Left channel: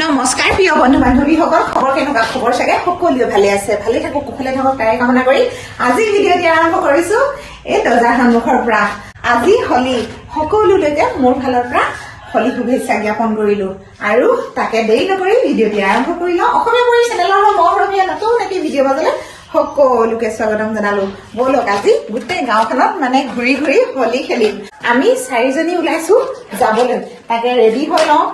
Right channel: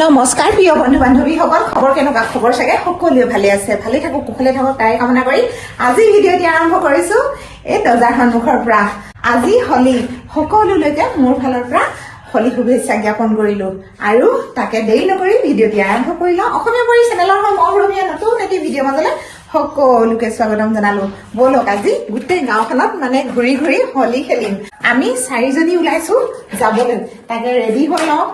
নমস্কাৰ প্ৰিয় বন্ধু বান্ধৱীসকল, খবৰ কেনেকুৱা? খবৰ চাগে সকলোৱে ভালে আছে, ভালে থাকক, কুশলে থাকক তাৰে কামনা কৰি আজি ভিডিঅ'টি আৰম্ভ কৰিছো এই দৰ্জাৰ সন্মুখৰ পৰা। আজি হলি, সকলোলৈকে মোৰ ফালৰ পৰা হলি শুভেচ্ছা জ্ঞাপন কৰিলো আৰু তাকে দেৰি নকৰি ভিডিঅ'টি আৰম্ভ কৰি লওঁ। অসমীয়া পৰি চেনেলৰ মৰমীয়া নতুন এটি ভিডিঅ' মাজলৈ সকলোকে স্বাগতম জনালো। বলক আজি গোটেই গাঁওখনত ঘূৰি ঘূৰি হলি খেলিম। আমি 4জনী ওলাইছো যাবলৈ, তাকে ৰেডি হৈ লওঁ।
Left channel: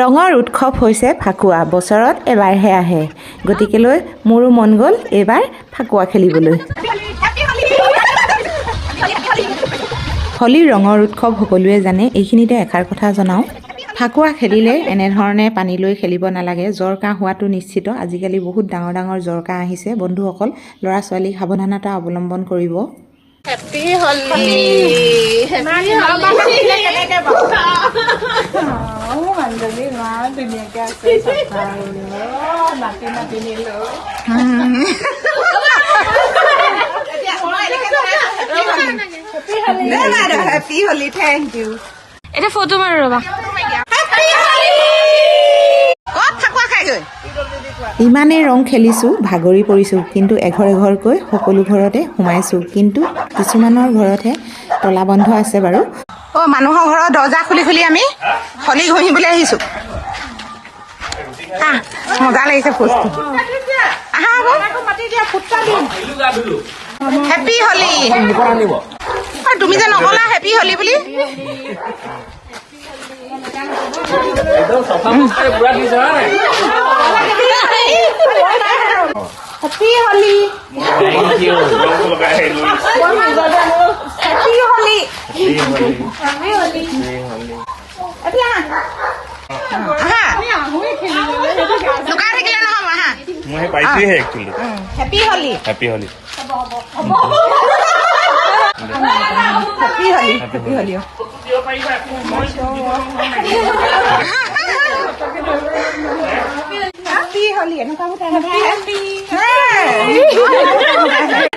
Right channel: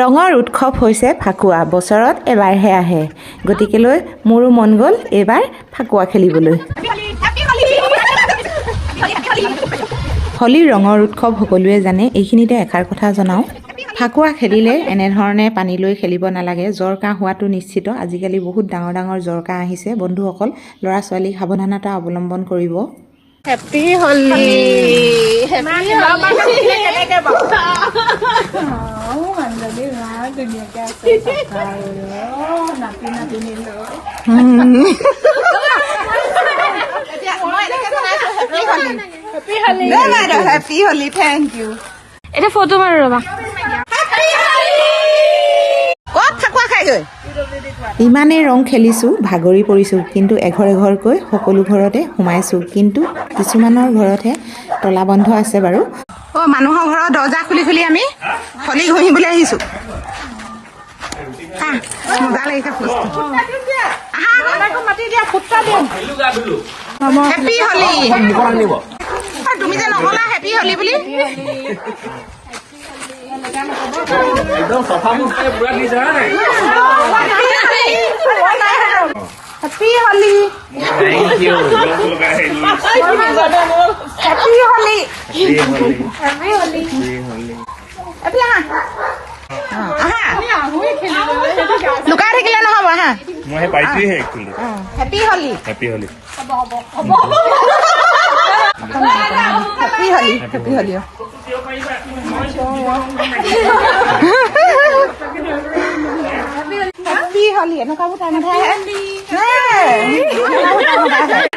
ৰঙৰ উৎসৱ হৈছে ফাকুৱা, বছৰত এবাৰহে আহে, গতিকেলৈ মোৰো মন গ'ল এইবাৰ ফাকুৱা খেলিবলৈ। হলীৰ ৰঙৰ উৎসৱ সকলোৱে জানে, এইখিনিতে এষাৰ কথা জনাওঁ। ফাকুৱা খেলিলে এনেধৰণে পানী লৈ খেলিব নালাগে, জ্বৰ কাহ হোৱাটো নিশ্চিত। আজিকালি বহুত ডাঙৰ ডাঙৰ জ্বৰ কাহ আহিছে। বন্ধুসকল, ল'ৰা ছোৱালীক সাৱধানতা অৱলম্বন কৰিব। হেপী হলি অঞ্জলি ইমান ধুনীয়াকে আছে, নাতি নাতিনী লৈ হেপী হলি, থেংক ইউ। এটা ফটো মাৰো ৰবা। ইমানেই ৰং খেলিছোঁ, ভাগৰি পৰিছোঁ, কিন্তু এঘৰ এঘৰকৈ সকলো ঘৰতে সোমাইছোঁ, কিন্তু কিছুমানৰ ঘৰতহে তলা বন্ধ আছে বাৰু। মানুহৰ ঘৰৰ দৰ্জা খুলি খুলি আমি হলি ঘঁহিবলৈ আহিছোঁ। মজা লাগিছে ফুচটো। হেপী হলি। তুমি যে নকলা হেপী হলি বুলি। Happy Holi. Thank you. Happy Holi. লুকাই থাকিলে নহ'ব। মই পাইছোহে actually. Happy Holi. Happy Holi. Happy Holi. Happy Holi. Happy Holi. এনেকুৱাবোৰ টাইম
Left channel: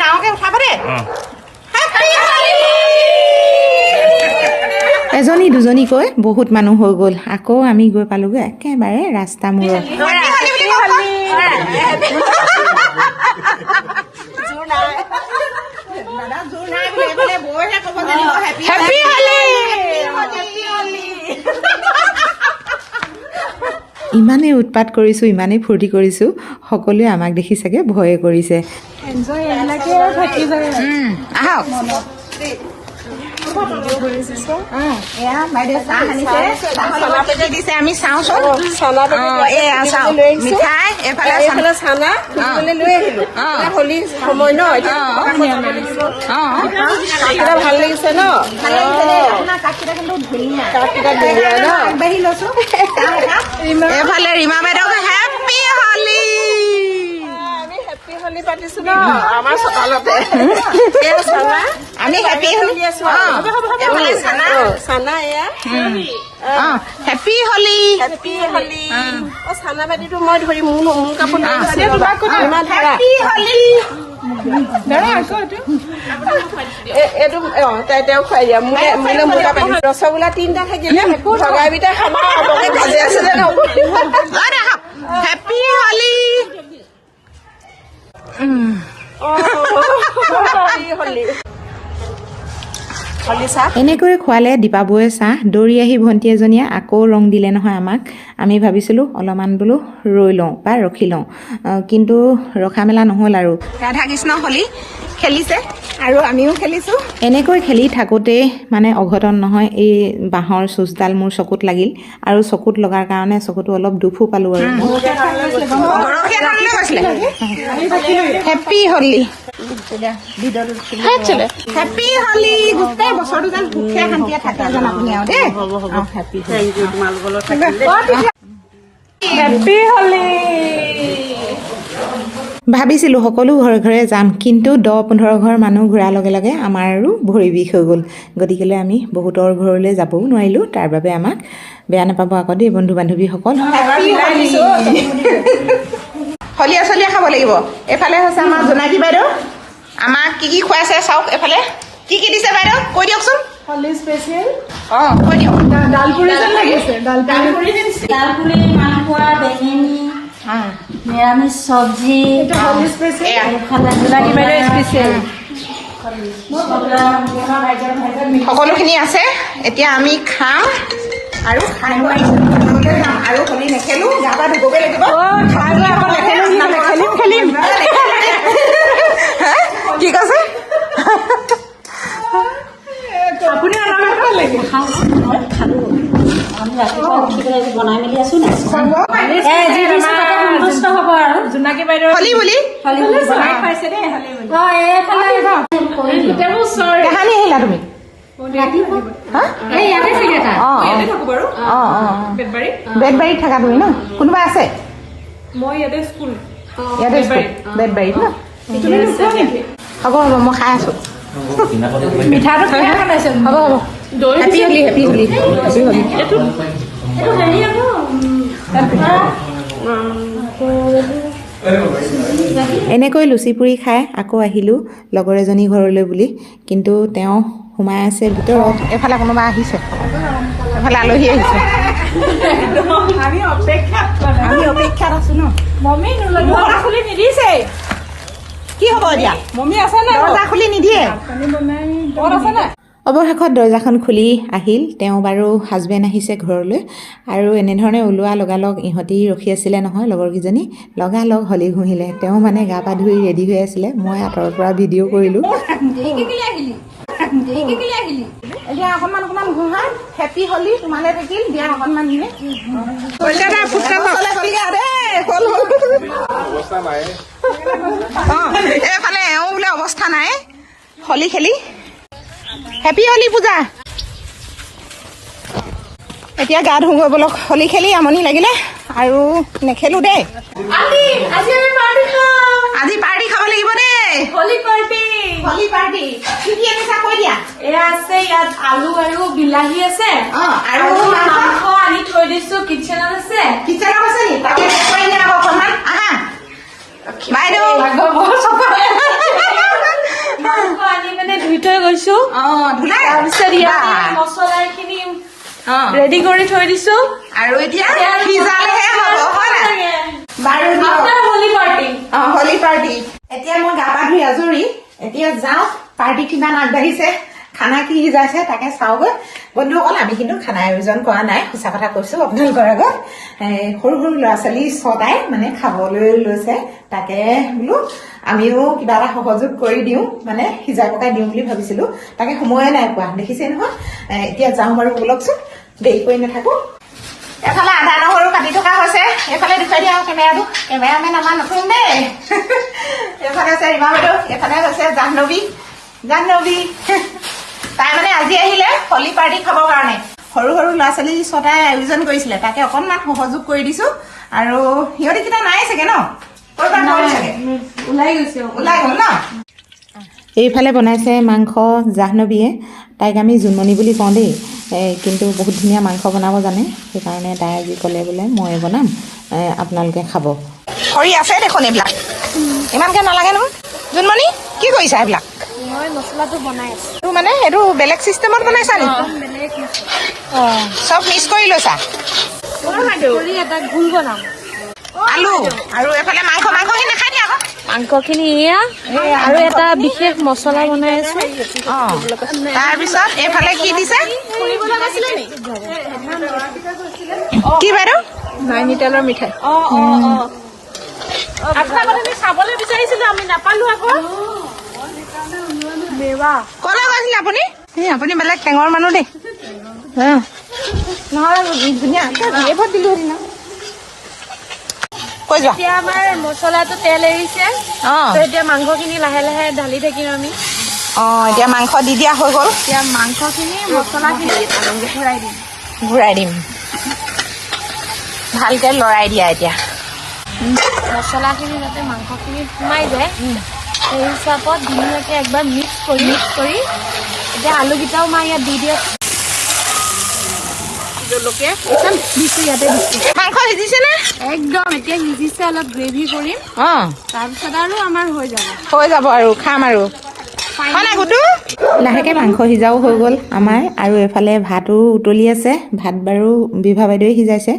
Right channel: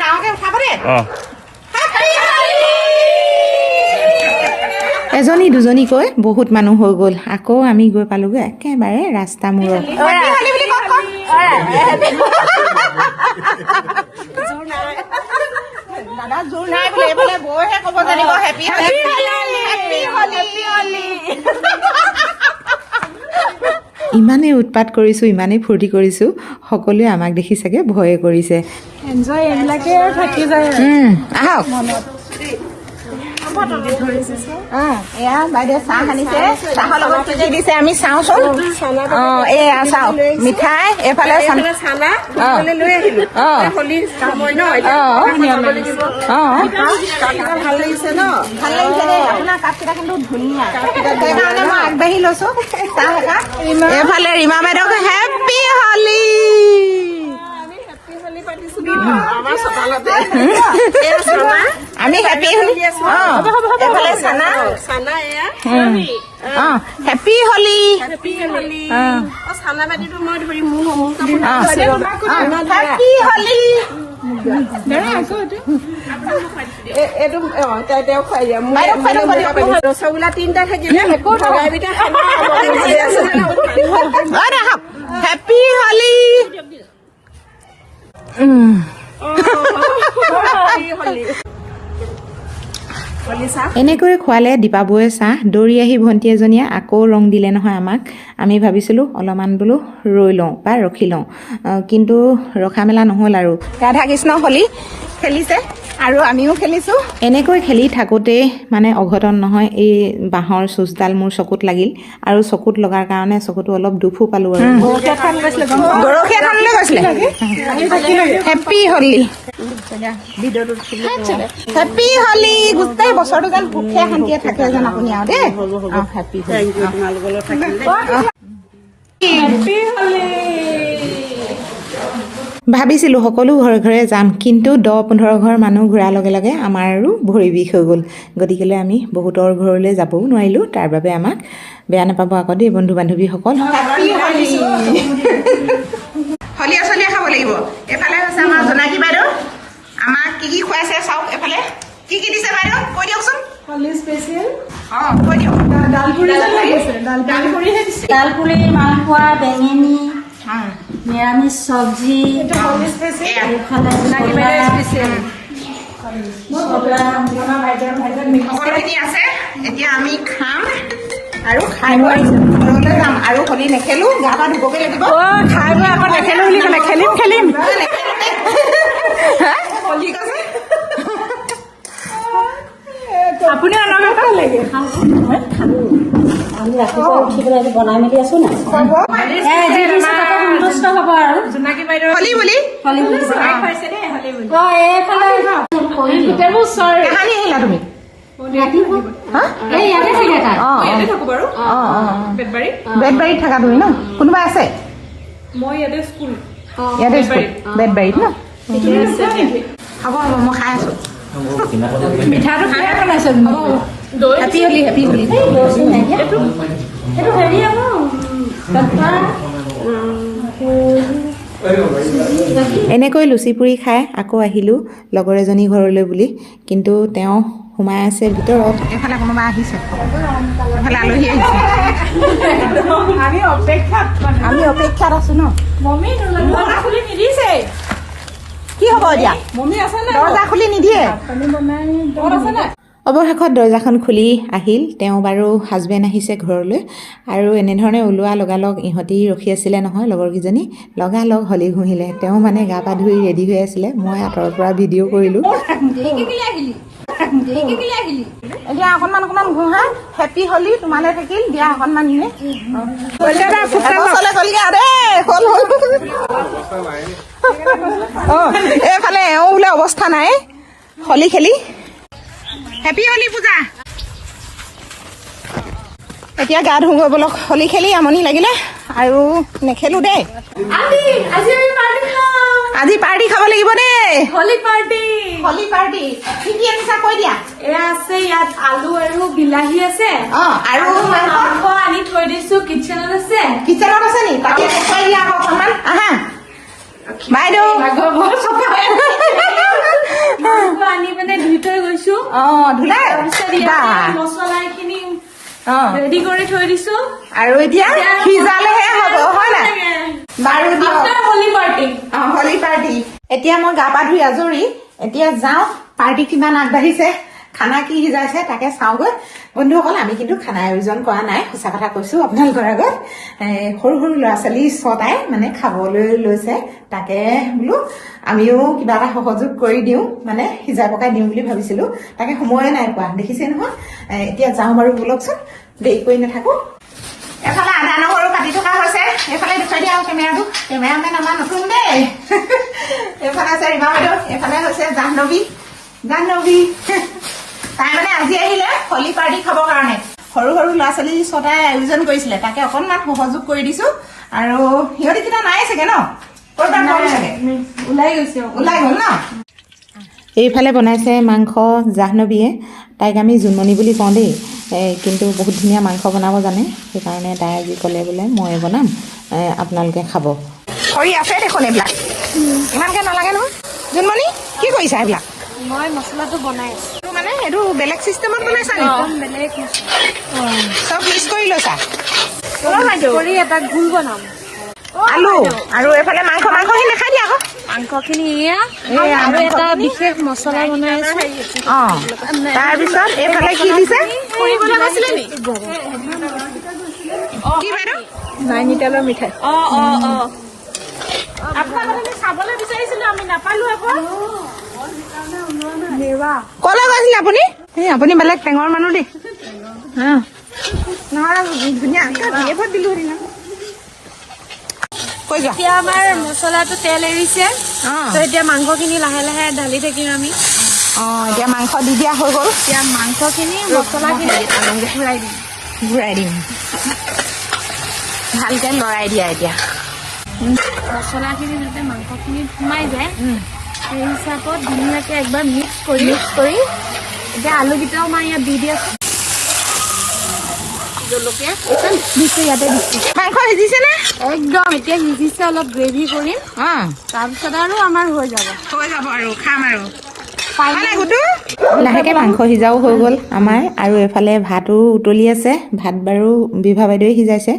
ডাঙৰকে উঠাব দেই। এজনী দুজনীকৈ বহুত মানুহ হৈ গ'ল। আকৌ আমি গৈ পালোগৈ একেবাৰে ৰাস্তা মূৰত। ইমানেই উৎপাত কৰিছোঁ, ইমানেই ফূৰ্তি কৰিছোঁ, সকলোৱে আমাক দেখি চাগে ভয়ে কৰিছে। এয়া বাইদেউ চাহ আনিছে, চাহৰ লগত দিছে, আমি চাওঁ মিঠাই, এইফালে চানা লৈ আহিলো। হলি সময় ন, ভাল লাগিছে ন? ভাল লাগিছে দেই। আপোনাৰ কাপকেইটা কিন্তু ধুনীয়া, আগবাঢ়ি লৈছো। ৰীমা বাইদেউ হেপী হলি। পাতিছো ন আমাৰ চোতালতে। হেপী হলি। হেপী হলি। চানা বাতিটো মই ধৰি মোৰ কাপোৰ হেপী হলি। তেওঁ খুৱাই দিয়া ৰসগোল্লা 3টা থাকিলে হেপী হলি। এনেকৈ খোৱালে দীপাবুৱে চাহ। দৌৰি আহি ভণ্টি এজনীয়ে আকৌ ৰং দিলে নহয় আমাক। আমি ভাবিছিলোঁ অলপমান বোলো ৰৈ লওঁ বা ৰখি লওঁ, কিন্তু ৰখা মেলা নহ'ল আৰু। ৰাধা কৃষ্ণ হলি খেলিছে আৰু আমিও খেলিছোঁ। এনেকৈ খেলি থাকোঁতেই অঘটন নহয়, এই বাঁহৰ চুচডাল মোৰ চকুত লাগিল আৰু চকুত লগাৰ কাৰণে চকুটো অলপ দুখো পালোঁ আৰু। হেপী হলি। গোটেই বছৰটো যেন সুখে শান্তিয়ে থাকে যেন আপুনি আৰু দেই। হেপী হলি। ভাবিছিলোঁ সকলো ঘৰে ঘৰে যাম, কিন্তু 10-15 ঘৰ মানুহ ঘূৰাৰ লগে লগে আমাৰ আৰু ভৰি বিষ হৈ গ'ল। গতিকেলৈ আমি বহুতৰ ঘৰলৈ যাবও নোৱাৰিলোঁ। তাৰ বাবে আমাক বেয়া নাপাব আকৌ দেই বন্ধু বান্ধৱীসকল। হলিয়া চলিয়া খাব লাগিব। এইফালে হৈছে আমাৰ জোনাকী বাইদেউ, আমাক কি খুৱাইছে চাওক। এইফালে কি দিছে বাইদেউ কৈ দিয়কচোন। কৈ দিয়ক ডালপুৰি, মালপোৱা, বেঙেনি, নিৰামিষ চব্জি, সকলোখিনি আছে। এতিয়া আমি খাম আৰু খাই বৈ ঘৰলৈ যাম আৰু হোলী নেখেলো, গা পা ধুবগৈ লাগিব। কি কৈছে? আমি ৰাতিপুৱা উঠি পেলাই বনাই মেলি আছো নাই যি দিছো তাতে সন্তুষ্ট হ'ব আৰু হোলী বুলি এইফালে কাহানি আহিলা তুমি? বেতবাৰীত থাকা তুমি ন? কোনোবা আছে? ইয়াতে স্কুল বেতবাৰীত ন? হ'ব হ'ব, মই খাই আছো। মিঠাইটো খাই বনাইছে। হ'ব হ'ব, happy Holi, happy Holi, happy Holi. এনেকৈ লুচি পুৰি খাই আকৌ আহিলোঁ লগৰ এজনী ঘৰলৈ বুলি, কিন্তু তেওঁ সোমাই আছে ভিতৰত। এইফালে কোনোবা আহিছে, এইফালে আলহী আহিছে। আমি অপেক্ষাত আছো ন। মম্মী দৰজা খুলি নিদিছে। কি হ'ব এতিয়া? মম্মী আছে নাই? দৰজা খুলি নিদিয়ে। পানী বনাই ক'ত আছে নাই? অৱশেষত দৰজাখন খুলি আহিল। তেওঁ বাৰু হাজবেণ্ড আহিছে ঘৰলৈ, আৰু এনেধৰণে ওলোৱা লগালগ ইহঁতি ৰখি আছিলে নহয় লগৰকেইজনী, লগালগ হোলী ঘঁহিলে। তেওঁ মানে গা পা ধুই ৰেডি হৈ আছিলে, মই আঁতৰৰ পৰা ভিডিঅ' কৰিলোঁ। এতিয়া অকণমান ঘঁহা। হেপী হোলী তোমালৈ থাকিল, দিয়া অকণমান নিয়ে গ'লগে আৰু এইফালে এওঁ বোলে অৱস্থা নাই হোলী খেলি। হেপী হোলী পূজা। এতিয়া গা ধুগৈ বলক, হোলী খেলি আমনি লাগিলে আৰু নেখেলো দেই। আজি পাৰ্টি খাব লাগিব দেই। হোলী পাৰ্টি। হোলী পাৰ্টি কি কি আনিছা কৈ দিয়া। এয়া আছে, ইয়াত আলু আৰু বিলাহী আছে, আৰু মাংস আনি থৈ দিছো কিটচেনত আছে। কিচেনত আছে নি? তাকে কৈ দিয়া আকৌ অকণমান। আহা বাইদেউ। মাংস আনি পিনে ধুই থৈ গৈছো। ধুলাই মছলাখিনি ৰেডি কৰি থৈ দিছো, আৰু এতিয়া সিজালেহে হ'ব, হয় নাই? বাৰু দিয়ক, হোলী পাৰ্টি। হোলী পাৰ্টি। এতিয়া মই গা পা ধুই আজৰি, এতিয়া যাওঁ পাৰ্টি কিমান আগবাঢ়িছে, খানা কি সিজাইছে তাকে চাওঁগৈ। বন্ধুসকল, আমি কিন্তু খানা আয়োজন কৰা নাই, সঁচা কথা কৈছো আপোনালোকৰ আগত। সৰু সৰু ল'ৰা ছোৱালী 6টাই মানে খাবলৈ লৈছে, তাকে বোলো আমিও কিবা এটা সহযোগ কৰি দিওঁ, মানে সিজাই পকাই দিওঁ বুলি ভাবিছিলো, তাকে সময়ে নাই পোৱা, দেখিছে নহয়। এতিয়া যাওঁ বাৰু বলকচোন, দেৰি কৰি নাথাকো। এফালে আদা নহৰু কাটি থকা হৈছে, এইফালে দেখুৱাই দিয়া কেমেৰাটো, কেমেৰাখন আমাৰ নতুন দেই। এইফালে আছে ৰীমা বাইদেউ, এইফালে হৈছে জাহ্নৱী। তাই মানে আজি আহিলে হোলী পাৰ্টি খাবৰ কাৰণে। সৰু সৰু ল'ৰা ছোৱালী 6টাই আয়োজন কৰিছিলে, তাকে অকণমান সহযোগ কৰি দিছো। আৰু সিহঁতি কিটা নাই চাগে ন? ক'ৰবাত গ'ল চাগে, ওলাই গ'ল ন? এইফালে বনাইছে মাংস জাহ্নৱীয়ে, তাইক আমি জোনমণি বুলি কওঁ দেই, কিন্তু বহুত ধুনীয়া মাংস বনাব জানে, সেইকাৰণে তাই আজি ক'লে বোলে মই বনাম, আপোনালোকে খাব। খৰি আছে দেখোন এইবিলাক, ইমানকৈ নালাগে নহয়। জোনমণি কি কৰিছা এইবিলাক? মই মছলাটো বনাই আছো। এইটো মানে এইটো বেলেগ চিষ্টেমত বনাইছা নি? বেলেগ চব মিক্স কৰি লৈছা? কৰি এটা ঘুল বনাম। আলু আৰু এইফালে মাংসখিনি নাখাই দিয়া আকৌ। মাংসখিনি এয়া আৰু এটা বিশেষ মছলা বনাই আছো। তাৰপিছত এইফালে কি দিছে? কি বাইদেউ? নাইনিতালৰ মিঠাই। চাবলৈ বিচাৰিছিলো, আমি নাপালো আকৌ। ক'লৈ গৈছিল আপুনি? আপুনি বেলেগ টেঙৰ মানুহ দেই। নহ'লে ধুনীয়া দিলো হেৰি ন। কৈ যোৱা। এতিয়া আমাৰ মছলাটো তেল এৰিছে, এতিয়া মাংসখিনি লাহে লাহে ঢালি থাকিম আমি। এতিয়া মাংস দি দিয়া হৈ গ'ল। এতিয়া মাংসখিনি মছলাখিনি ঘূৰাই দিম। ভালকে লৰাই দিয়া এতিয়া। মছলাখিনি যাতে মাংসখিনি সোমাই যায়, সেই হিচাপত ধুনীয়াকৈ একবাৰ মিক্স কৰি এতিয়া আলুকেইটাও মই ইয়াত দি আছো। জলকীয়া দিছো, ইয়াতে দিছো। মাংস সিজিছে নে? একদম এতিয়া সিজিছে, অলপ গ্ৰেভি কৰিম, তাৰপিছত আৰু আমাৰ হৈ যাব আৰু খাম আৰু। লাহেকৈ মাংস সিজাও হৈ গ'ল আমাৰ আৰু এফালে ভাতো উতলি আছে ভাত বাৰু বিভা বাইদেৱে সিজাইছে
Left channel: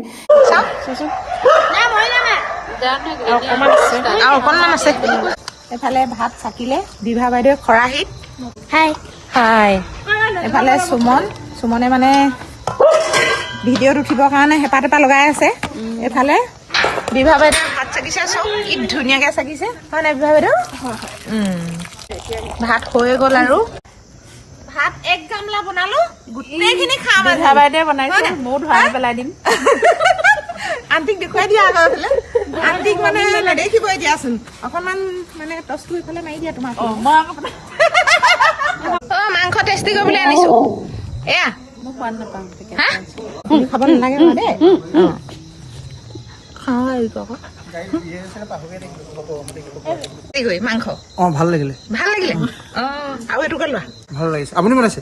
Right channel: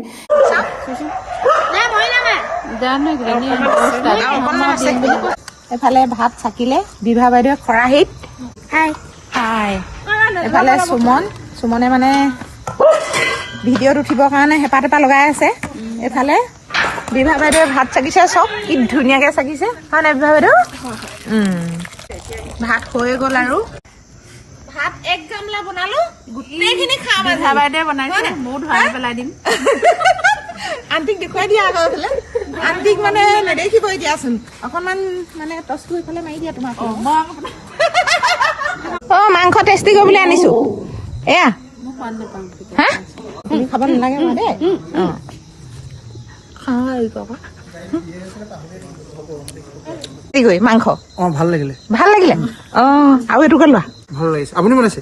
অকণমান আছে এফালে ভাত চাকিলে বিভা বাইদেৱে খৰাহিত হাই এফালে সুমনে মানে ভিডিঅ'ত উঠিবৰ কাৰণে হেঁপাহ লগাই আছে এফালে বিভা বাইদেৱে ভাত চাকিছে চব কি ধুনীয়াকৈ চাকিছে হয় নাই বিভা বাইদেউ ভাত হৈ গ'ল আৰু ভাত এক গামলা বনালো গোটেইখিনি খাম বিভা বাইদেৱে বনাইছে ময়ো ধৰাই পেলাই দিম আন্টিক দেখুৱাই দিয়া আকৌ এইফালে আন্টিক মানে নেদেখিবই দিয়াচোন অকণমান মানে টচটো এইফালে মাৰি দিয়া তোমাক মাংস টেষ্টি কৰিবলৈ আনিছো এয়া তুমি খাব নালাগে মই দেই মাংস ভাল লাগিলে আৰু এইটো লোৱা ভাল লাগিছে আপুনি বনাইছে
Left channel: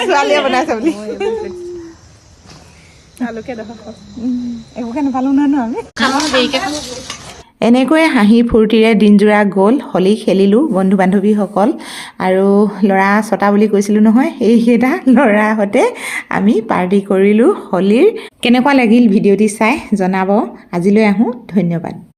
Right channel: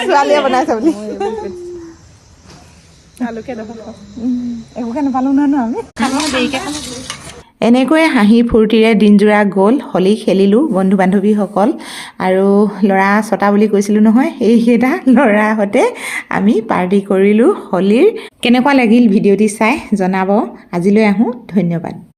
ছোৱালীয়ে বনাইছে বুলি একোকে নাপালো নহয় আমি এনেকৈয়ে হাঁহি ফূৰ্তিৰে দিনজোৰা গ'ল হোলী খেলিলোঁ বন্ধু বান্ধৱীসকল আৰু ল'ৰা ছটা বুলি কৈছিলোঁ নহয় এইকেইটা ল'ৰাৰ সৈতে আমি পাৰ্টি কৰিলোঁ হোলীৰ কেনেকুৱা লাগিল ভিডিঅ'টি চাই জনাব আজিলৈ আহোঁ ধন্যবাদ